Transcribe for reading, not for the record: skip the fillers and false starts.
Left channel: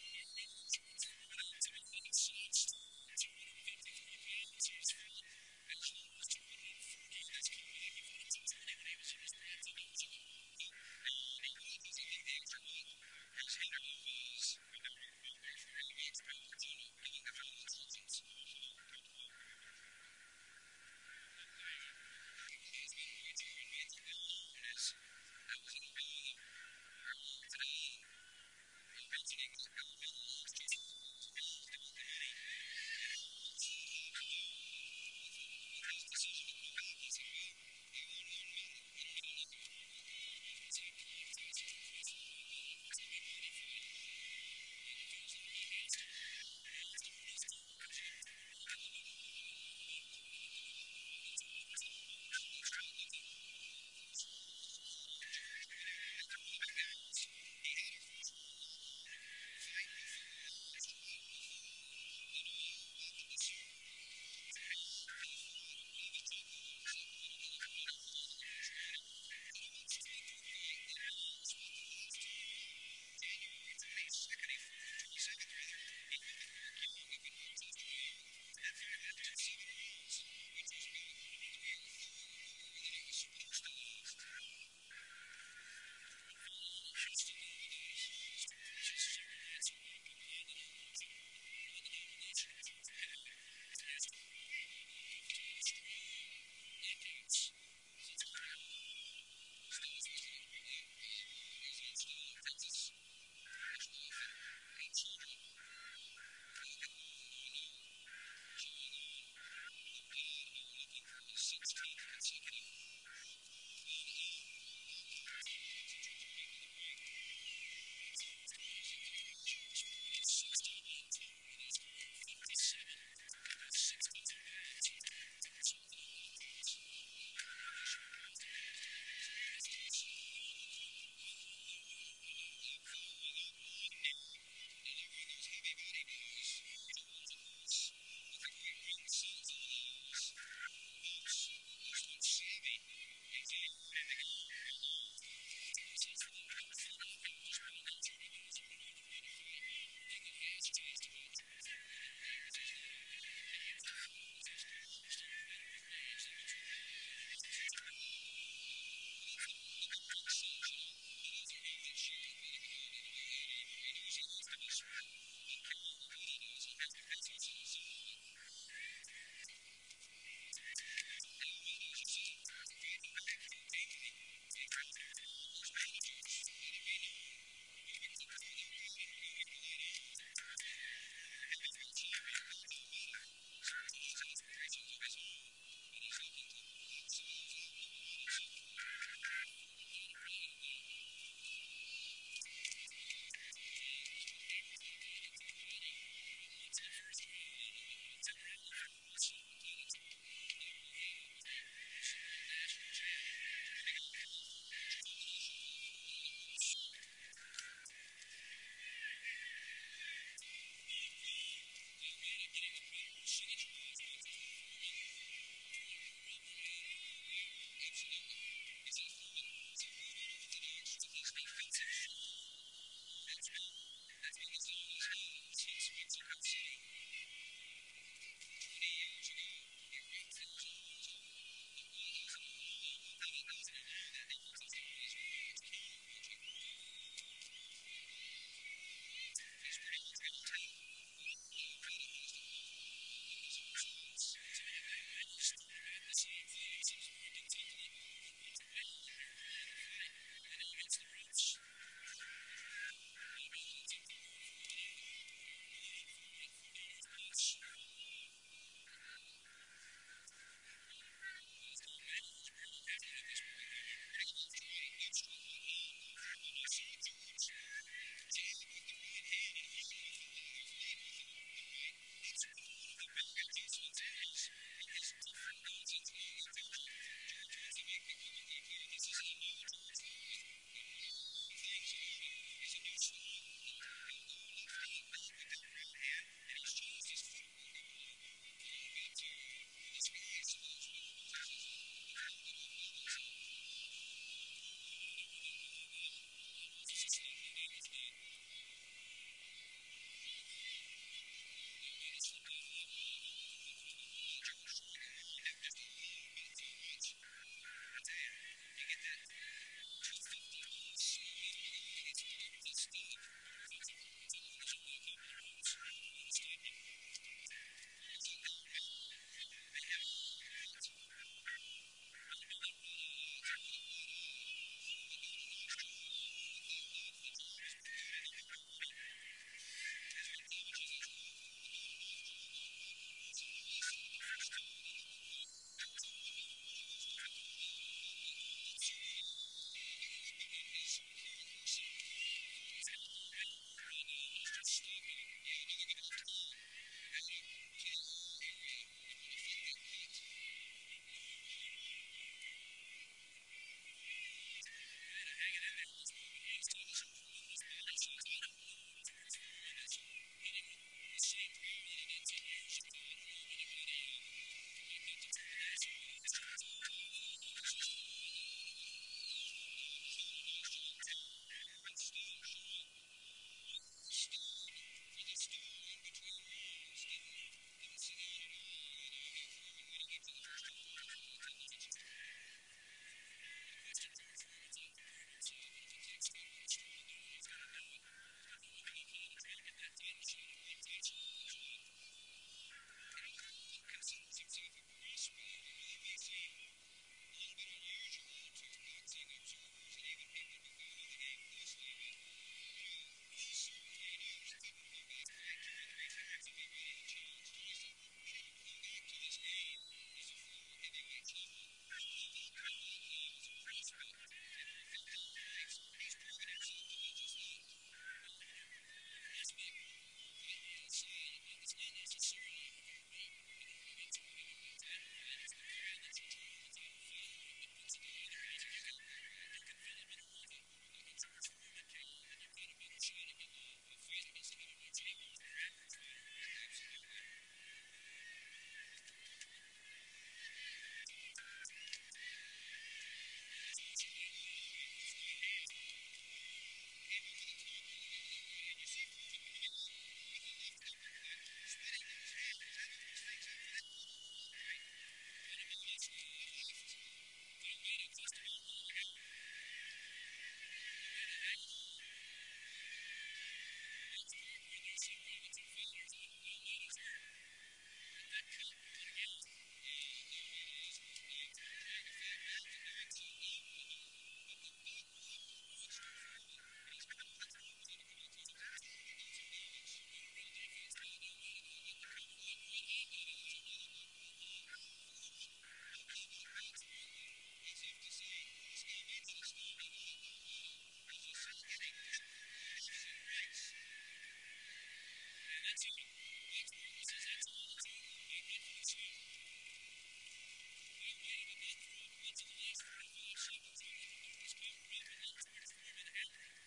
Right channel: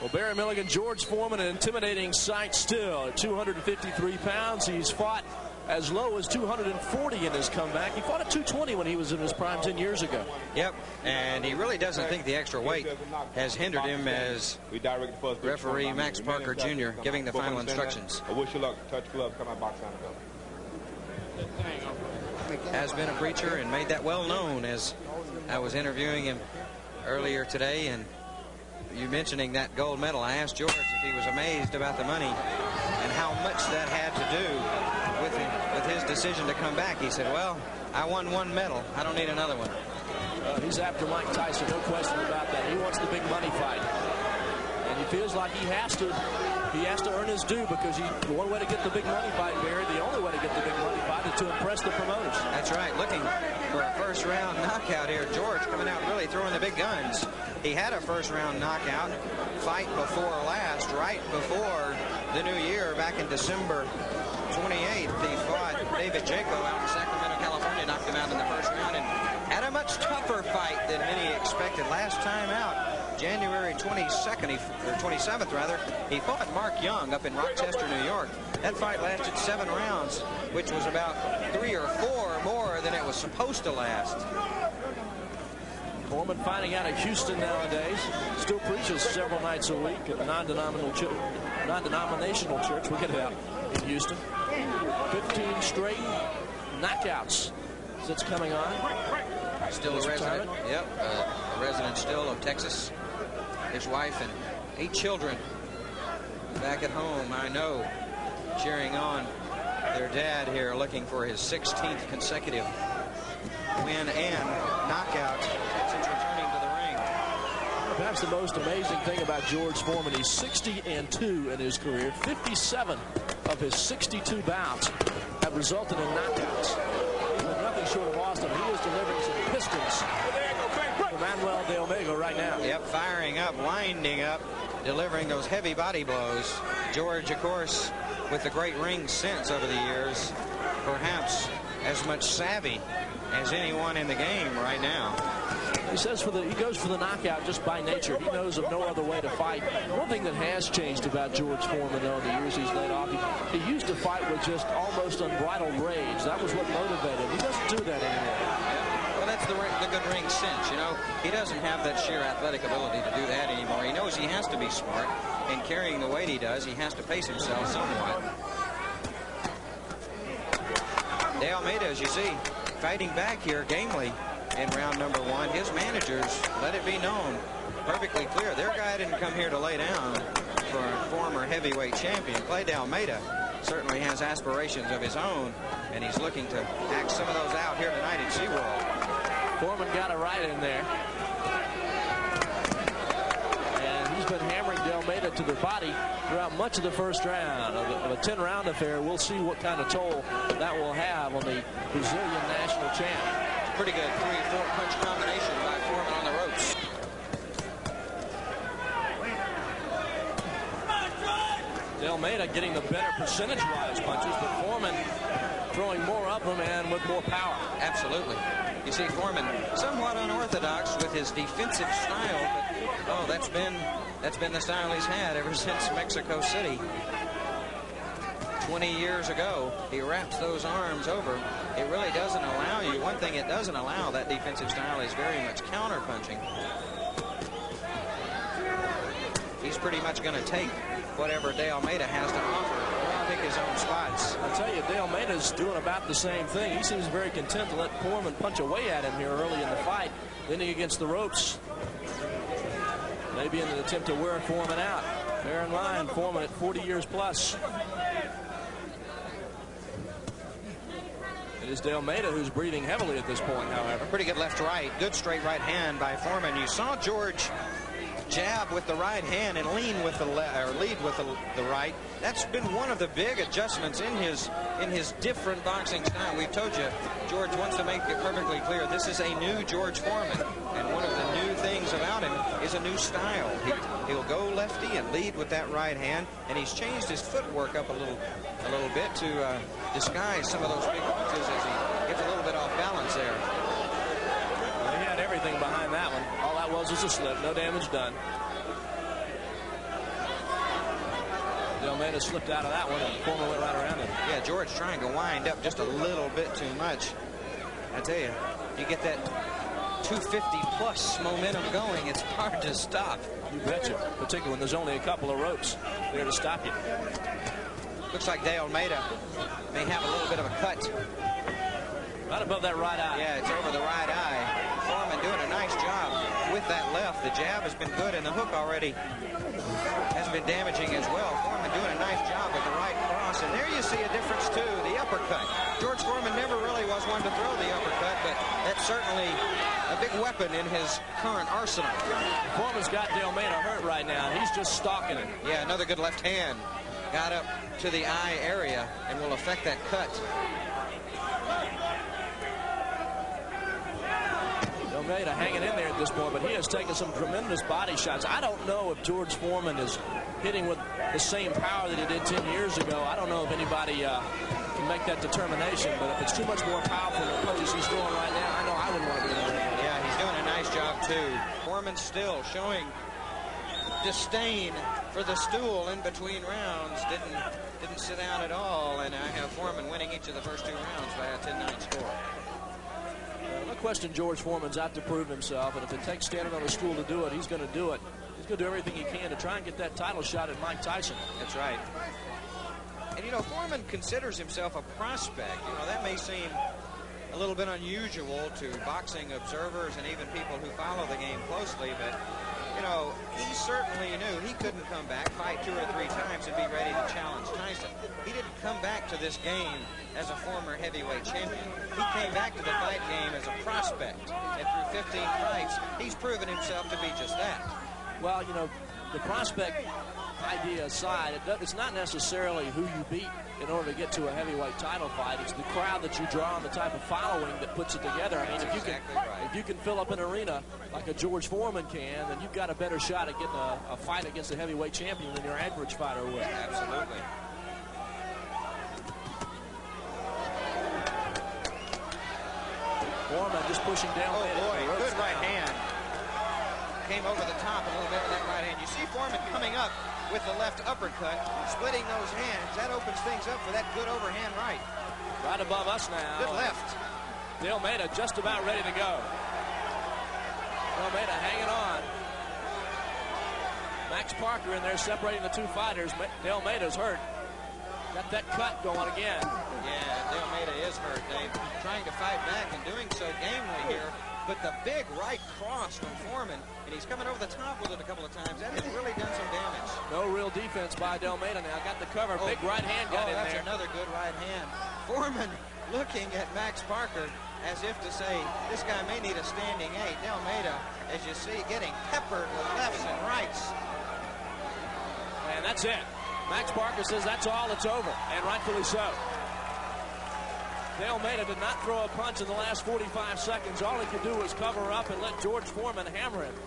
Well, Barry Milligan, George Foreman, an intimidating sight still at 253 pounds. He's fought as low as 240 in his comeback. He fought at 220 when he was in his prime 10 years ago. Yep, and he really doesn't think the extra weight has hindered him, as referee Max Parker Jr. giving the final instructions. I wish you luck. Touch glove, come out, box down. Has been a preacher and made that well known, as I was interviewing him earlier today, and you mentioning that gold medal, I asked George if he was amazed about the money and how much that had to do with his decision to come back. He said, well, I won one medal. I don't need another one. He's after Mike Tyson, no question about that. He wants the big money fight. And he feels like he has to earn his due, because the one way to get the big money fight, Barry, the only way to get the big money fight is to impress the promoters. That's right. Looking for a first-round knockout here. George coming out really throwing the big guns. He had a first-round knockout fight before last, right before the new year, back in December 28th. He fought David Jaco out in Sacramento, California, knocked him out in the first round, and had a much tougher fight than many expected. Last time out, January 22nd, or 27th rather, he fought Mark Young up in Rochester, New York. That fight lasted 7 rounds, which was about 3 or 4 more than it was supposed to last. Foreman fighting out of Houston nowadays. Still preaches several nights a week at a non-denominational church. We'll get it out in Houston. 15 straight knockouts since coming on. Still a resident. Yep, a resident still of Texas. His wife and 8 children back at home, I know, cheering on their dad here, looking for his 16th consecutive win and knockout since returning to the ring. Perhaps the most amazing thing about George Foreman, he's 60-2 in his career. 57 of his 62 bouts have resulted in knockouts. He's been nothing short of awesome. He is delivering some pistons for Manoel De Almeida right now. Yep, firing up, winding up, delivering those heavy body blows. George, of course, with the great ring sense over the years, perhaps as much savvy as anyone in the game right now. He says he goes for the knockout just by nature. He knows of no other way to fight. One thing that has changed about George Foreman, though, in the years he's laid off, he used to fight with just almost unbridled rage. That was what motivated him. He doesn't do that anymore. Well, that's the good ring sense, you know. He doesn't have that sheer athletic ability to do that anymore. He knows he has to be smart. In carrying the weight he does, he has to pace himself somewhat. De Almeida, as you see, fighting back here gamely in round number 1. His managers let it be known perfectly clear. Their guy didn't come here to lay down for a former heavyweight champion. Clay De Almeida certainly has aspirations of his own, and he's looking to act some of those out here tonight at SeaWorld. Foreman got it right in there. And he's been hammering De Almeida to the body throughout much of the first round of a 10-round affair. We'll see what kind of toll that will have on the Brazilian national champ. Pretty good 3 or 4 punch combination by Foreman on the ropes. De Almeida getting the better percentage-wise punches, but Foreman throwing more of them and with more power. Absolutely. You see Foreman somewhat unorthodox with his defensive style, but that's been the style he's had ever since Mexico City. 20 years ago, he wraps those arms over. It really doesn't allow you. One thing it doesn't allow, that defensive style, is very much counter-punching. He's pretty much going to take whatever De Almeida has to offer, pick his own spots. I tell you, De Almeida's doing about the same thing. He seems very content to let Foreman punch away at him here early in the fight, leaning against the ropes. Maybe in an attempt to wear Foreman out. There in line, Foreman at 40 years plus. It is De Almeida who's breathing heavily at this point, however. Pretty good left-right. Good straight right hand by Foreman. You saw George jab with the right hand and lead with the right. That's been one of the big adjustments in his different boxing style. We've told you, George wants to make it perfectly clear this is a new George Foreman, and one of the new things about him is a new style. He'll go lefty and lead with that right hand, and he's changed his footwork up a little bit to disguise some of those big punches as he gets a little bit off balance there. Well, he had everything behind that one. All that was a slip, no damage done. De Almeida slipped out of that one, and Foreman went right around him. Yeah, George trying to wind up just a little bit too much. I tell you, you get that 250-plus momentum going, it's hard to stop. You betcha, particularly when there's only a couple of ropes there to stop you. Looks like De Almeida may have a little bit of a cut. Right above that right eye. Yeah, it's over the right eye. Foreman doing a nice job with that left. The jab has been good, and the hook already has been damaging as well. Foreman doing a nice job with the right cross, and there you see a difference too, the uppercut. George Foreman never really was one to throw the uppercut, but that's certainly a big weapon in his current arsenal. Foreman's got De Almeida hurt right now, and he's just stalking him. Yeah, another good left hand. Got up to the eye area and will affect that cut. Almeida hanging in there at this point, but he has taken some tremendous body shots. I don't know if George Foreman is hitting with the same power that he did 10 years ago. I don't know if anybody can make that determination, but if it's too much more powerful than the punches he's throwing right now, I know I wouldn't want to be in there. Yeah, he's doing a nice job too. Foreman still showing disdain for the stool in between rounds. Didn't sit down at all, and I have Foreman winning each of the first 2 rounds by a 10-9 score. No question George Foreman's out to prove himself, and if it takes standing on a stool to do it, he's going to do it. He's going to do everything he can to try and get that title shot at Mike Tyson. That's right. And, you know, Foreman considers himself a prospect. You know, that may seem a little bit unusual to boxing observers and even people who follow the game closely, but, you know, he certainly knew he couldn't come back, fight 2 or 3 times, and be ready to challenge Tyson. He didn't come back to this game as a former heavyweight champion. He came back to the fight game as a prospect, and through 15 fights, he's proven himself to be just that. Well, you know, the prospect idea aside, it's not necessarily who you beat in order to get to a heavyweight title fight. It's the crowd that you draw and the type of following that puts it together. I mean, if you can fill up an arena like a George Foreman can, then you've got a better shot at getting a fight against a heavyweight champion than your average fighter would. Absolutely. Foreman just pushing down. Oh boy, good right hand. Came over the top a little bit with that right hand. You see Foreman coming up with the left uppercut, splitting those hands. That opens things up for that good overhand right. Right above us now. Good left. De Almeida just about ready to go. De Almeida hanging on. Max Parker in there separating the 2 fighters. De Almeida's hurt. Got that cut going again. Yeah, De Almeida is hurt, Dave. Trying to fight back and doing so gamely here. But the big right cross from Foreman, and he's coming over the top with it a couple of times. That has really done some damage. No real defense by De Almeida now. Got the cover. Big right hand got in there. That's another good right hand. Foreman looking at Max Parker as if to say, this guy may need a standing 8. De Almeida, as you see, getting peppered with lefts and rights. And that's it. Max Parker says that's all, it's over, and rightfully so. De Almeida did not throw a punch in the last 45 seconds. All he could do was cover up and let George Foreman hammer him.